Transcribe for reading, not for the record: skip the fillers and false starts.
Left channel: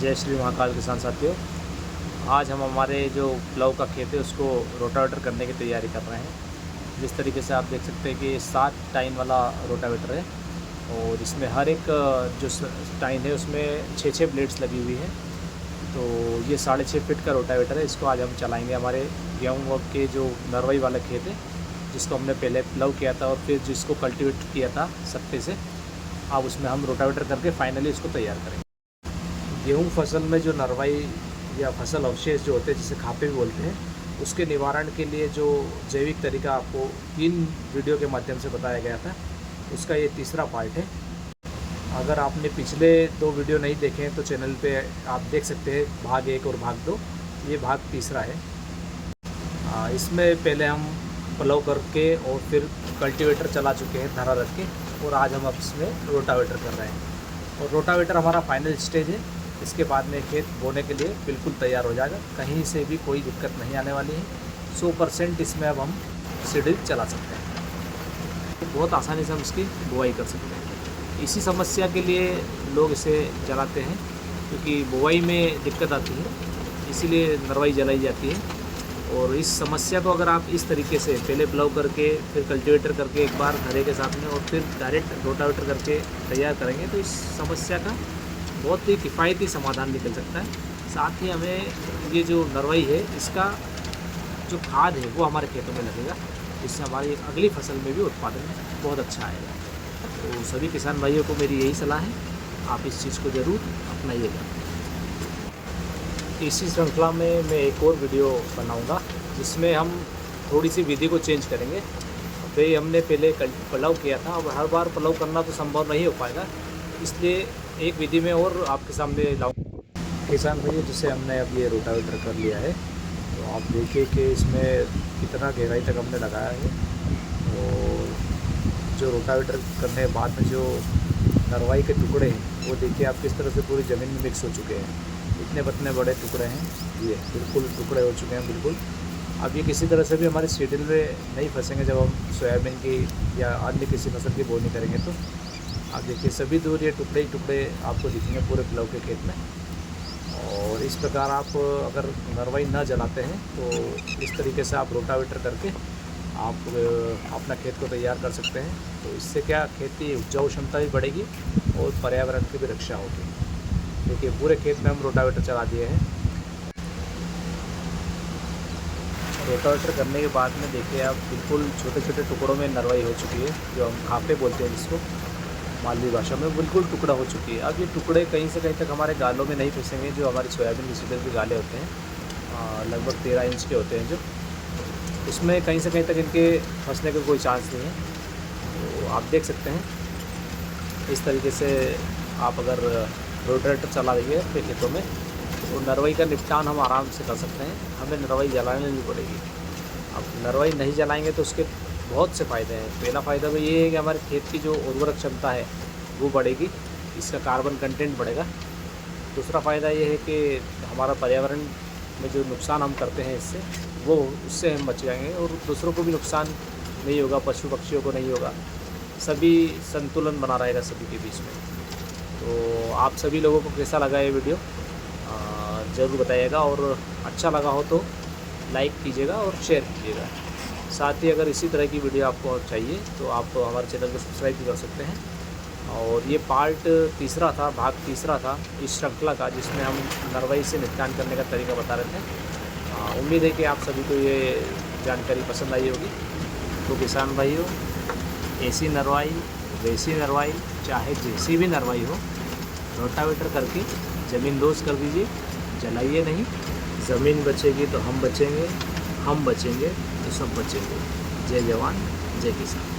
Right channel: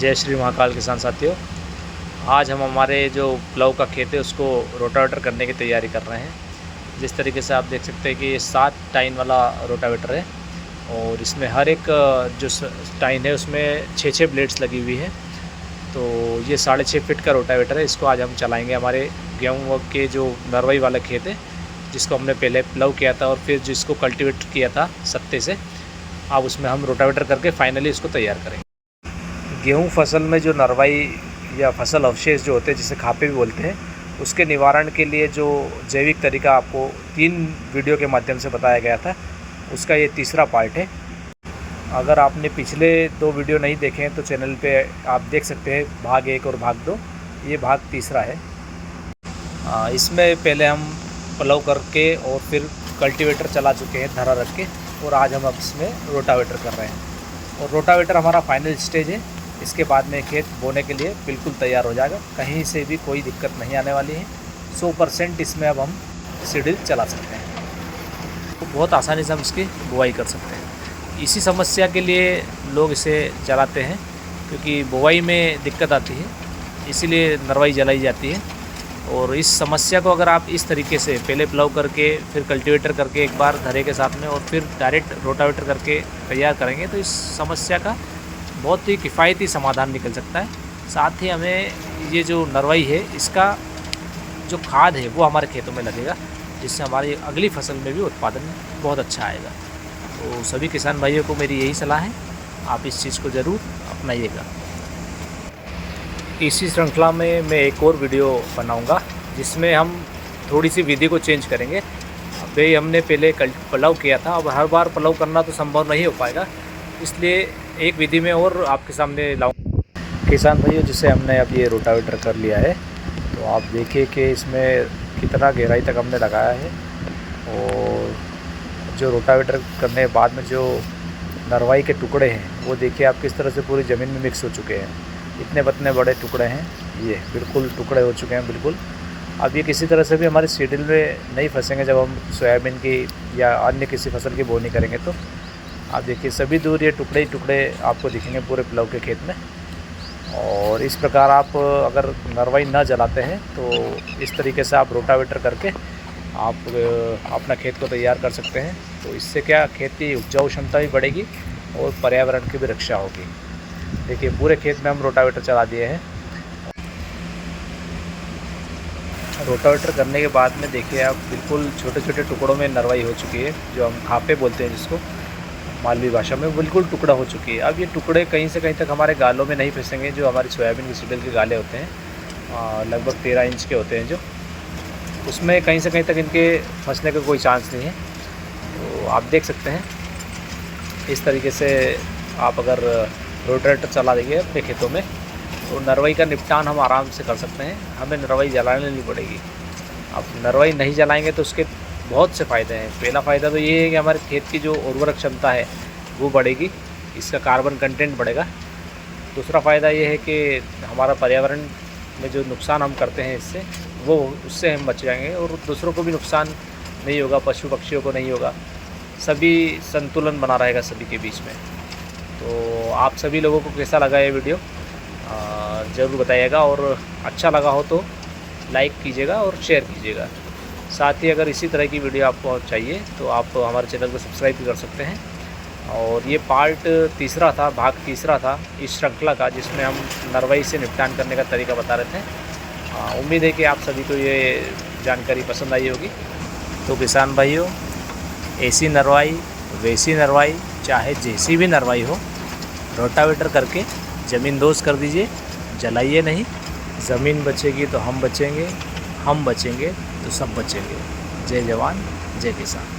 जय श्री महाकाल किसान साथियों। आज हम हमारे जो प्लाऊ का खेत है उसको रोटावेटर करने की तैयारी कर रहे हैं। जिस तरीके से आप देख सकते हैं कि ये 7 टाइन वाला रोटावेटर है और इसमें हर एक जो टाइन है उसमें 6-6 ब्लेड्स लगी हुई है। तो ये 6.5 फीट का रोटावेटर है। इसको आज हम चलाएंगे हमारे गेहूँ के जो नरवई वाला खेत है, जिसको हमने पहले प्लाऊ किया था और फिर जिसको कल्टीवेट किया था सत्ते से। अब उसमें हम रोटावेटर करके फाइनली इसको तैयार करेंगे। गेहूं फसल में जो नरवाई या फसल अवशेष जो होते हैं, जिसे खापे भी बोलते हैं, उसके निवारण के लिए जो जैविक तरीका आपको 3 वीडियो के माध्यम से बताया गया था, उसका ये तीसरा पार्ट है। अगर आपने पिछले 2 वीडियो नहीं देखे हैं तो चैनल पे आप देख सकते हैं, भाग 1 और भाग 2। ये भाग तीसरा है। इसमें पहले हम प्लाऊ करके और फिर कल्टीवेटर चला चुके हैं धरा रख के, और आज हम अब इसमें रोटावेटर कर रहे हैं। और रोटावेटर हमारा फाइनल स्टेज है। इसके बाद में खेत बोने के लिए बिल्कुल तैयार हो जाएगा। कहीं से भी कोई दिक्कत नहीं आने वाली है। 100% इसमें अब हम सीडल चला सकते हैं। तो बहुत आसानी से हम इसकी बुआई कर सकते हैं। इसी समस्या के लिए लोग इसे जलाते हैं, क्योंकि बुआई में दिक्कत आती है, इसीलिए नरवाई जलाई जाती है। और इस समस्या को अगर आप इस तरीके से पहले प्लाऊ करके फिर कल्टीवेटर करके एक बार धरे के साथ में और फिर डायरेक्ट रोटावेटर करके तैयार करेंगे तो इस समस्या का बहुत ही किफ़ायती समाधान निकल सकता है। साथ ही हमें ये जो नरवाई है, इसका जो खाद है वो हमारे खेतों में लगेगा, जिससे हमारी अगली फसल में भी उत्पादन बहुत अच्छा आएगा। तो सभी किसान भाइयों को मेरी यही सलाह है, आप इस चीज़ को ज़रूर अपनाइएगा। इसी श्रृंखला में मैं एक और वीडियो बनाऊंगा, जिसमें हम थोड़ी सी विधि को चेंज करेंगे। अभी हमने पहले प्लाऊ किया था, अब हर बार प्लाऊ करना तो संभव नहीं हो पाएगा, इसलिए एक विधि में और आपके सामने लाऊं। किसान भाइयों, जिसे हमने अब ये रोटावेटर कर लिया है, तो आप देखिए कि इसमें कितना गहराई तक हमने लगाया है। और जो रोटावेटर करने के बाद में जो नरवाई के टुकड़े हैं, वो देखिए आप किस तरह से पूरी ज़मीन में मिक्स हो चुके हैं। इतने पतले बड़े टुकड़े हैं, ये बिल्कुल टुकड़े हो चुके हैं बिल्कुल। अब ये किसी तरह से भी हमारे सीडल में नहीं फंसेंगे। जब हम सोयाबीन की या अन्य किसी फसल की बोनी करेंगे तो आप देखिए सभी दूर ये टुकड़े ही टुकड़े आपको दिखेंगे पूरे प्लाऊ के खेत में। और इस प्रकार आप अगर नरवाई न जलाते हैं तो इस तरीके से आप रोटावेटर करके आप अपना खेत को तैयार कर सकते हैं। तो इससे क्या, खेत की उपजाऊ क्षमता भी बढ़ेगी और पर्यावरण की भी रक्षा होगी। देखिए पूरे खेत में हम रोटावेटर चला दिए हैं। रोटावेटर करने के बाद में देखिए आप बिल्कुल छोटे छोटे टुकड़ों में नरवाई हो चुकी है, जो हम खापे बोलते हैं जिसको मालवी भाषा में, बिल्कुल टुकड़ा हो चुकी है। अब ये टुकड़े कहीं से कहीं तक हमारे गालों में नहीं फंसेंगे। जो हमारी सोयाबीन की सीडल के गाले होते हैं, लगभग 13 इंच के होते हैं, जो उसमें कहीं से कहीं तक इनके फंसने का कोई चांस नहीं है। तो आप देख सकते हैं इस तरीके से आप अगर रोटावेटर चला देंगे अपने खेतों में तो नरवाई का निपटान हम आराम से कर सकते हैं। हमें नरवाई जलाने नहीं पड़ेगी। अब नरवाई नहीं जलाएंगे तो उसके बहुत से फ़ायदे हैं। पहला फ़ायदा तो ये है कि हमारे खेत की जो उर्वरक क्षमता है वो बढ़ेगी, इसका कार्बन कंटेंट बढ़ेगा। दूसरा फ़ायदा ये है कि हमारा पर्यावरण में जो नुकसान हम करते हैं इससे, वो उससे हम बच जाएंगे और दूसरों को भी नुकसान नहीं होगा, पशु पक्षियों को नहीं होगा। सभी संतुलन बना रहेगा सभी के बीच में। तो आप सभी लोगों को कैसा लगा ये वीडियो ज़रूर बताइएगा, और अच्छा लगा हो तो लाइक कीजिएगा और शेयर कीजिएगा। साथ ही अगर इसी तरह की वीडियो आपको चाहिए तो आप हमारे चैनल को सब्सक्राइब भी कर सकते हैं। और ये पार्ट तीसरा था, भाग तीसरा था इस श्रृंखला का, जिसमें हम नरवाई से निपटान करने का तरीका बता रहे थे। उम्मीद है कि आप सभी को ये जानकारी पसंद आई होगी। तो किसान भाइयों, ऐसी नरवाई वैसी नरवाई, चाहे जैसी भी नरवाई हो, रोटावेटर करके ज़मीन दोस्त कर दीजिए। जलाइए नहीं। ज़मीन बचेगी तो हम बचेंगे, हम बचेंगे तो सब बचेंगे। जय जवान जय किसान।